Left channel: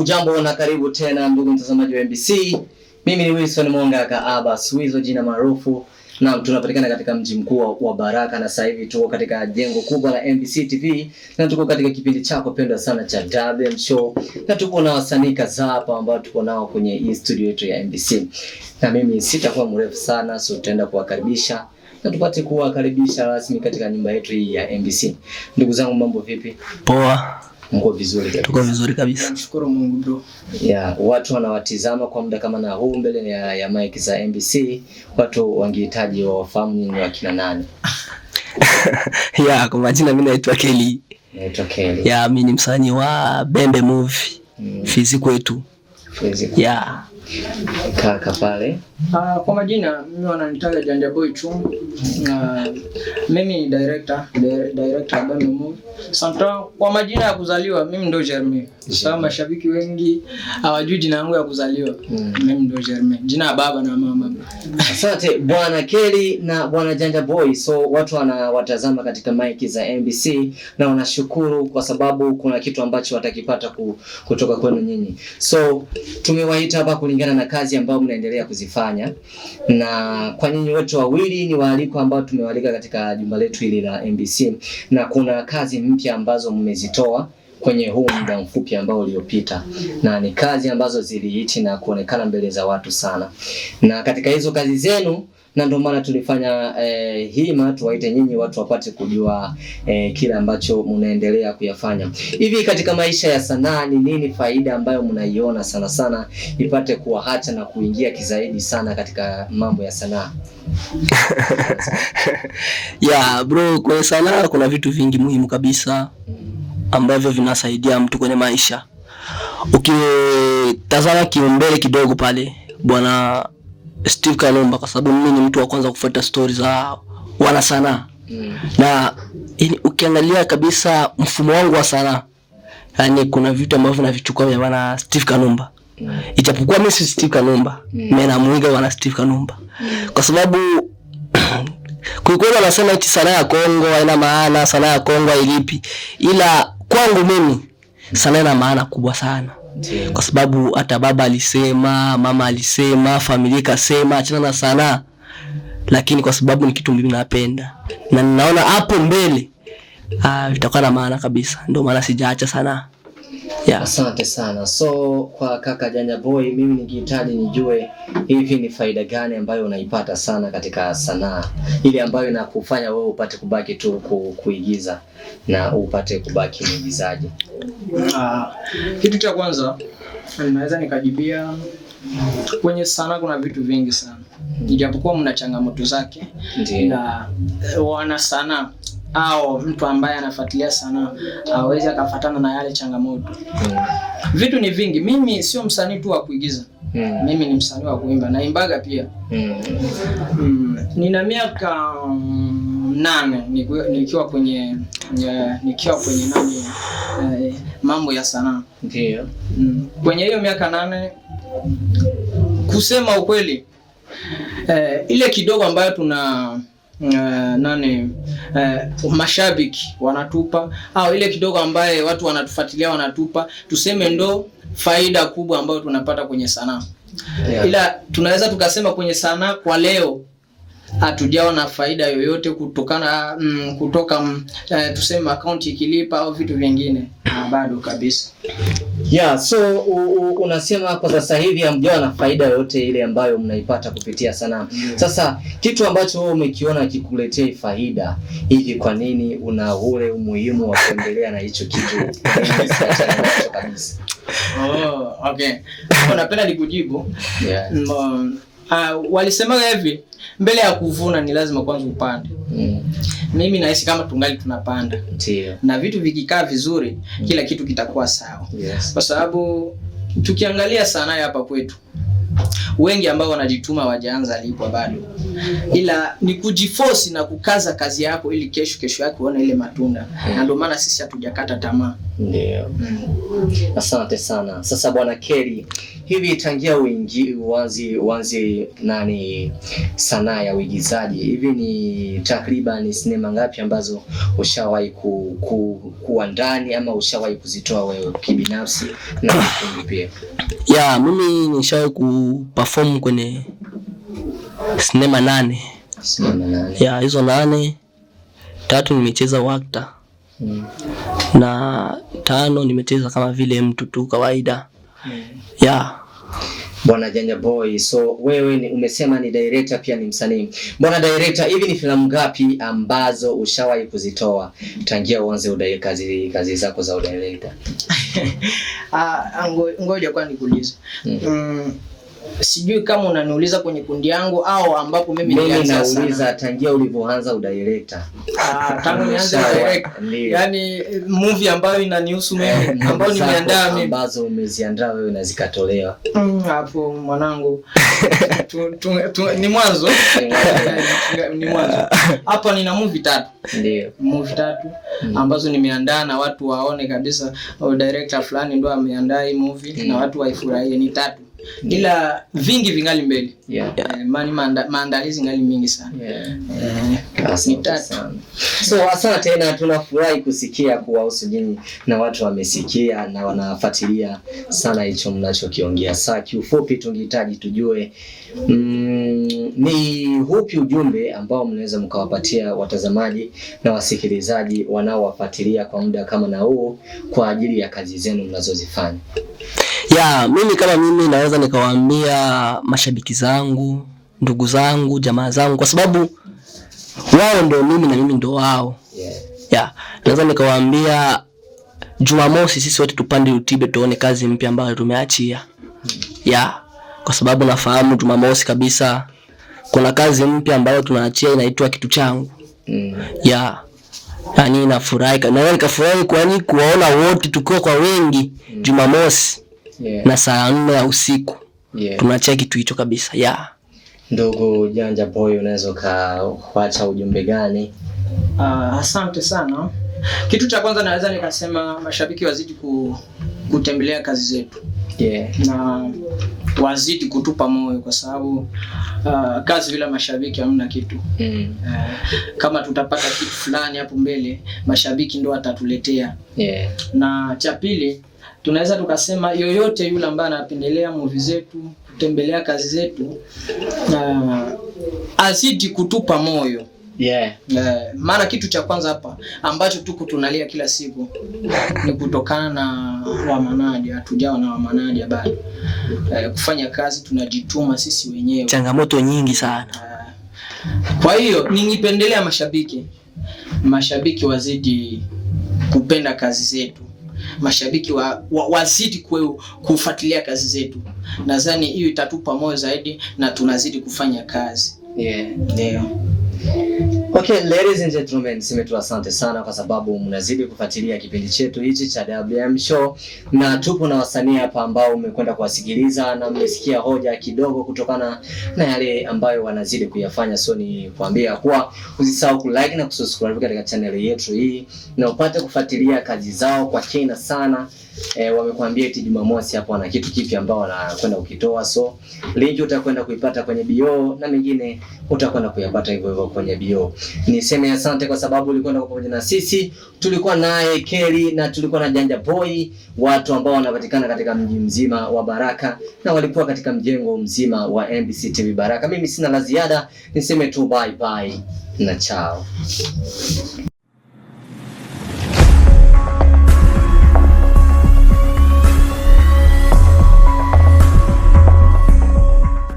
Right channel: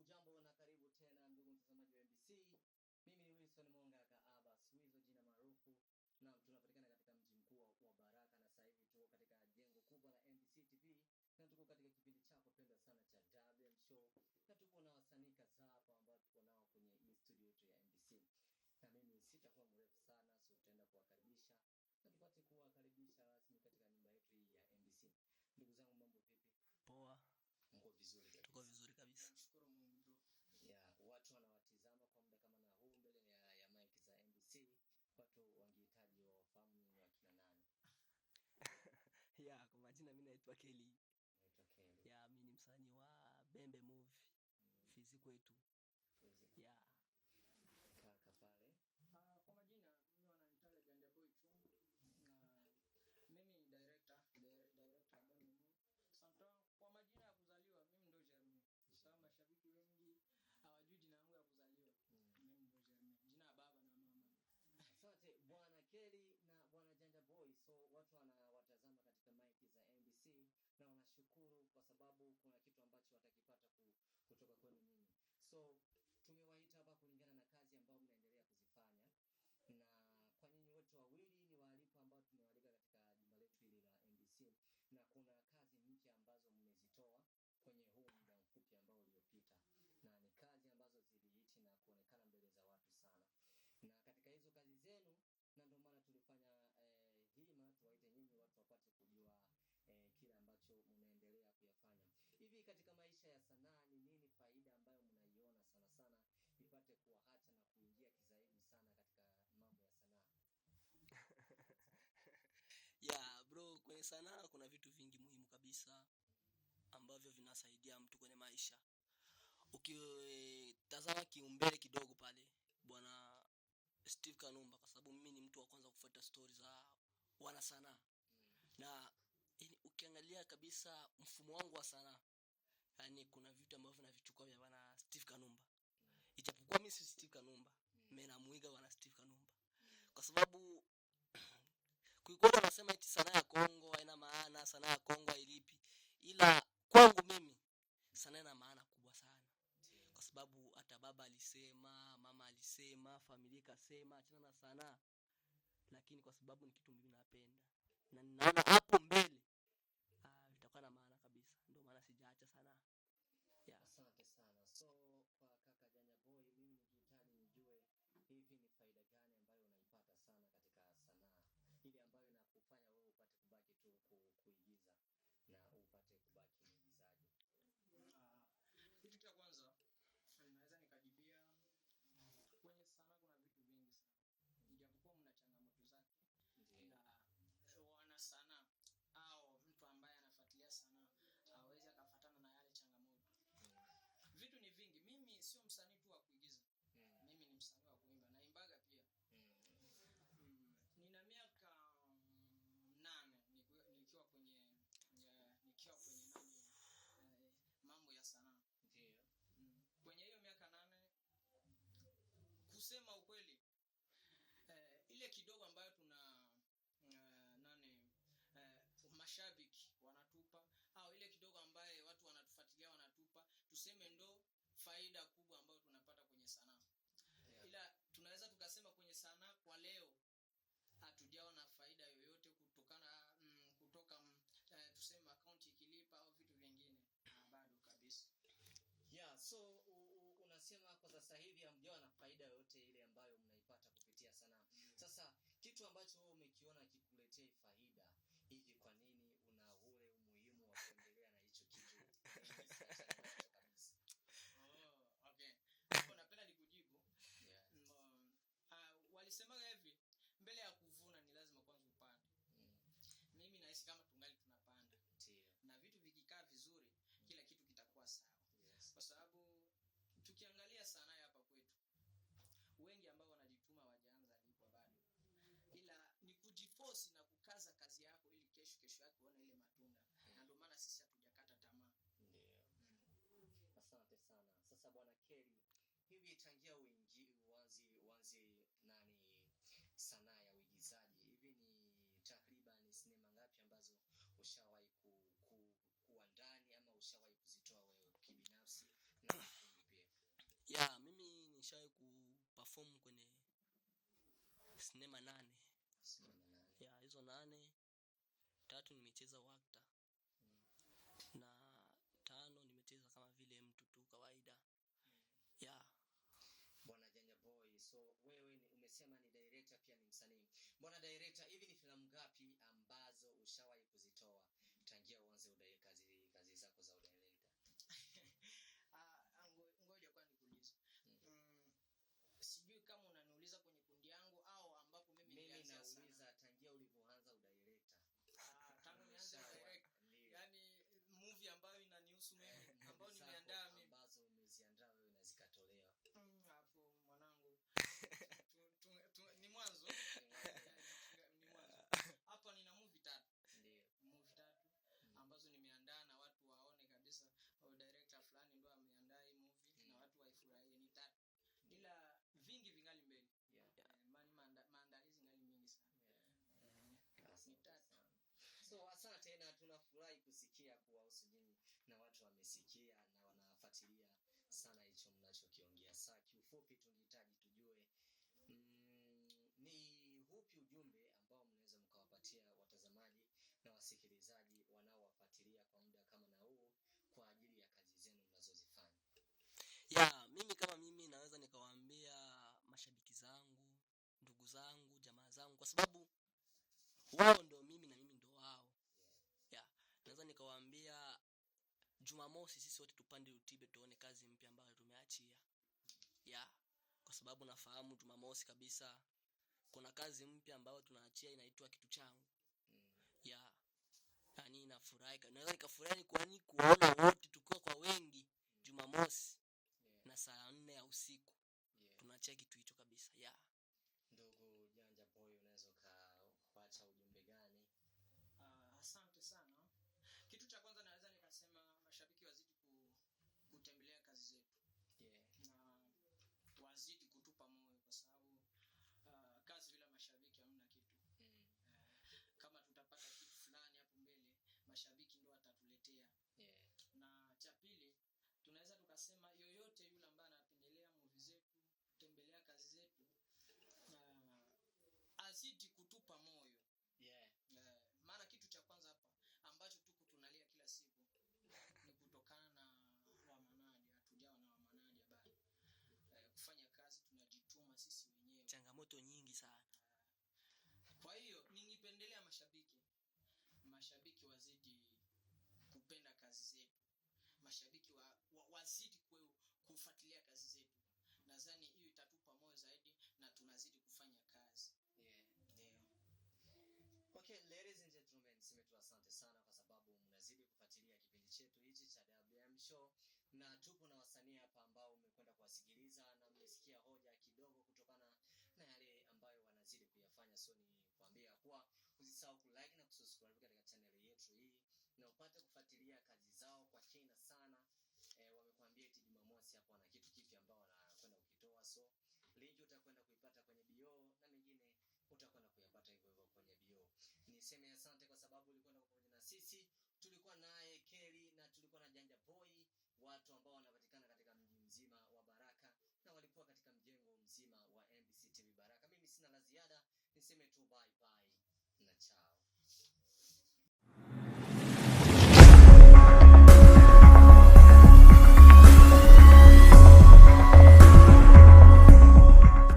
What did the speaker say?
Ujambo na karibu tena ndugu mtazamaji wa MBC. Mimi ni Wilson Mwanga Aba Swizo jina maarufu, na tunapatikana katika mji mkuu wa Baraka, na sasa hivi tuko katika jengo kubwa la MBC TV na tuko katika kipindi chako pendwa sana cha WM Show, na tuko na wasanii kadhaa hapa ambao tuko nao kwenye hii studio yetu ya MBC. Na mimi sitakuwa mrefu sana, so tutaenda kuwakaribisha na tupate kuwakaribisha rasmi katika nyumba yetu hii ya MBC. Ndugu zangu, mambo vipi? Poa. Mko vizuri kabisa? Tuko vizuri kabisa. Nashukuru Mungu bro. Watu wanawatizama kwa muda kama na huu mbele ya mic za MBC, watu wangehitaji wafahamu ni wakina nani? Kwa majina mimi naitwa Kelly. Naitwa Kelly. Mimi ni msanii wa Bembe Movie. Fizi kwetu. Kaka pale. Kwa majina mimi wananitaja Janja Boy Chum. Mimi ni director wa Bembe Movie. Santa kwa majina ya kuzaliwa mimi ndo Jeremy. Sasa mashabiki wengi hawajui jina langu ya kuzaliwa. Mimi ndo Jeremy. Jina ya baba na mama. Asante Bwana Kelly na Bwana Janja Boy. So watu wanawatazama katika mic za MBC na wanashukuru kwa sababu kuna kitu ambacho watakipata kutoka kwenu nyinyi. So tumewaita hapa kulingana na kazi ambayo mnaendelea kuzifanya, na kwa nyinyi wote wawili ni waaliko ambao tumewalika katika jumba letu hili la MBC, na kuna kazi mpya ambazo mmezitoa kwenye huu muda mfupi ambao uliopita, na ni kazi ambazo zilihiti na kuonekana mbele za watu sana. Na katika hizo kazi zenu, na ndio maana tulifanya hima tuwaite nyinyi watu wapate kujua kile ambacho mnaendelea kuyafanya. Hivi katika maisha ya sanaa ni nini faida ambayo mnaiona sana sana ipate kuwaacha na kuingia kizaidi sana katika mambo ya sanaa? Bro, kwa sanaa kuna vitu vingi muhimu kabisa ambavyo vinasaidia mtu kwenye maisha. Ukitazama kimbele kidogo pale Bwana Steve Kanumba, kwa sababu mimi ni mtu wa kwanza kufuata stories za wana sanaa. Na ukiangalia kabisa mfumo wangu wa sanaa, yani kuna vitu ambavyo navichukua vya Bwana Steve Kanumba. Ijapokuwa mimi si Steve Kanumba, mimi namuiga Bwana Steve Kanumba. Kwa sababu kulikuwa wanasema eti sanaa ya Kongo haina maana, sanaa ya Kongo ilipi. Ila kwangu mimi sanaa ina maana kubwa sana. Kwa sababu hata baba alisema, mama alisema, familia ikasema achana na sanaa, lakini kwa sababu ni kitu mimi napenda na ninaona hapo mbele vitakuwa na maana kabisa, ndio maana sijaacha sanaa. Asante sana. So kwa kaka Janja Boy, mimi ningehitaji nijue hivi ni faida gani ambayo unaipata sana katika sanaa, ile ambayo inakufanya wewe upate kubaki tu kuigiza na upate kubaki mwigizaji? Kitu cha kwanza naweza nikajibia, kwenye sanaa kuna vitu vingi sana. Ijapokuwa mna changamoto zake, na wana sanaa au mtu ambaye anafuatilia sanaa hawezi akafuatana na yale changamoto. Vitu ni vingi. Mimi sio msanii tu wa kuigiza. Mimi ni msanii wa kuimba, naimbaga pia. Nina miaka 8 nikiwa kwenye mambo ya sanaa. Ndio. Kwenye hiyo miaka 8, kusema ukweli, ile kidogo ambayo tuna mashabiki wanatupa, au ile kidogo ambaye watu wanatufuatilia wanatupa, tuseme ndo faida kubwa ambayo tunapata kwenye sanaa. Ila tunaweza tukasema kwenye sanaa kwa leo hatujaona faida yoyote kutoka tuseme account ikilipa au vitu vingine, bado kabisa. So unasema kwa sasa hivi hamjaona faida yoyote ile ambayo mnaipata kupitia sanaa. Sasa kitu ambacho wewe umekiona kikuletea faida hivi, kwa nini una ule umuhimu wa kuendelea na hicho kitu kabisa? Okay. Napenda nikujibu. Walisema hivi, mbele ya kuvuna ni lazima kwanza upande. Mimi nahisi kama tungali tunapanda. Na vitu vikikaa vizuri, kila kitu kitakuwa sawa. Kwa sababu tukiangalia sanaa hapa kwetu, wengi ambao wanajituma wajaanza lipwa bado, ila ni kujiforce na kukaza kazi yako ili kesho yake uone ile matunda. Na ndio maana sisi hatujakata tamaa. Ndio. Asante sana. Sasa Bwana Kelly, hivi tangia uanze nani sanaa ya uigizaji, hivi ni takriban sinema ngapi ambazo ushawahi kuwa ndani ama ushawahi kuzitoa wewe kibinafsi na kundi pia? Mimi nishawahi kuperform kwenye sinema 8. Sinema 8. Hizo 8, 3 nimecheza wakta. Na 5 nimecheza kama vile mtu tu kawaida. Bwana Janja Boy, so wewe umesema ni director pia ni msanii. Bwana director, hivi ni filamu ngapi ambazo ushawahi kuzitoa tangia uanze kazi zako za udirector? Ngoja kwa nikuulize. Sijui kama unaniuliza kwenye kundi yangu au ambapo mimi nilianza sana. Nauliza tangia ulivyoanza udirector. Tangu nianze director. Yaani movie ambayo inanihusu mimi, ambayo nimeandaa mimi, ambazo umeziandaa wewe na zikatolewa. Hapo mwanangu. Ni mwanzo. Ni mwanzo. Hapa nina movie 3. Ndio. Movie 3 ambazo nimeandaa na watu waone kabisa director fulani ndo ameandaa hii movie na watu waifurahie. Ni 3. Ila vingi vingali mbele. Maandalizi ngali mingi sana. Asante sana. So asante tena, tunafurahi kusikia kuwahusu nyinyi na watu wamesikia na wanafuatilia sana hicho mnachokiongea. Sasa kiufupi tungehitaji tujue ni hupi ujumbe ambao mnaweza mkawapatia watazamaji na wasikilizaji wanaowafuatilia kwa muda kama na huu kwa ajili ya kazi zenu mnazozifanya? Mimi kama mimi naweza nikawaambia mashabiki zangu, ndugu zangu, jamaa zangu, kwa sababu wao ndio mimi na mimi ndio wao. Naweza nikawaambia Jumamosi sisi wote tupande YouTube tuone kazi mpya ambayo tumeachia. Kwa sababu nafahamu Jumamosi kabisa kuna kazi mpya ambayo tunaachia inaitwa Kitu Changu. Yaani nafurahi, na nikafurahi kwani kuwaona wote tukiwa kwa wengi Jumamosi. Na saa 4 ya usiku. Tunaachia kitu hicho kabisa. Ndugu Janja Boy, unaweza kuacha ujumbe gani? Asante sana. Kitu cha kwanza naweza nikasema mashabiki wazidi kutembelea kazi zetu. Na wazidi kutupa moyo kwa sababu kazi bila mashabiki hamna kitu. Kama tutapata kitu fulani hapo mbele, mashabiki ndio watatuletea. Na cha pili, tunaweza tukasema yoyote yule ambaye anapendelea movie zetu, kutembelea kazi zetu, azidi kutupa moyo. Maana kitu cha kwanza hapa ambacho tuko tunalia kila siku ni kutokana na wamanadi, hatujawa na wamanadi bado. Kufanya kazi tunajituma sisi wenyewe. Changamoto nyingi sana. Kwa hiyo ningependelea mashabiki wazidi kupenda kazi zetu. Mashabiki wazidi kufuatilia kazi zetu. Nadhani hiyo itatupa moyo zaidi na tunazidi kufanya kazi. Ndio. Okay, ladies and gentlemen, niseme tu asante sana kwa sababu mnazidi kufuatilia kipindi chetu hichi cha WM Show, na tupo na wasanii hapa ambao umekwenda kuwasikiliza na mmesikia hoja kidogo kutokana na yale ambayo wanazidi kuyafanya. So ni kuambia kuwa usisahau kulike na kusubscribe katika channel yetu hii na upate kufuatilia kazi zao kwa kina sana. Wamekuambia eti Jumamosi hapo wana kitu kipi ambao wanakwenda kukitoa, so link utakwenda kuipata kwenye bio na mengine utakwenda kuyapata hivyo hivyo kwenye bio. Niseme asante kwa sababu ulikwenda pamoja na sisi. Tulikuwa naye Kelly na tulikuwa na Janja Boy, watu ambao wanapatikana katika mji mzima wa Baraka na walikuwa katika mjengo mzima wa MBC TV Baraka. Mimi sina la ziada, niseme tu bye bye na chao.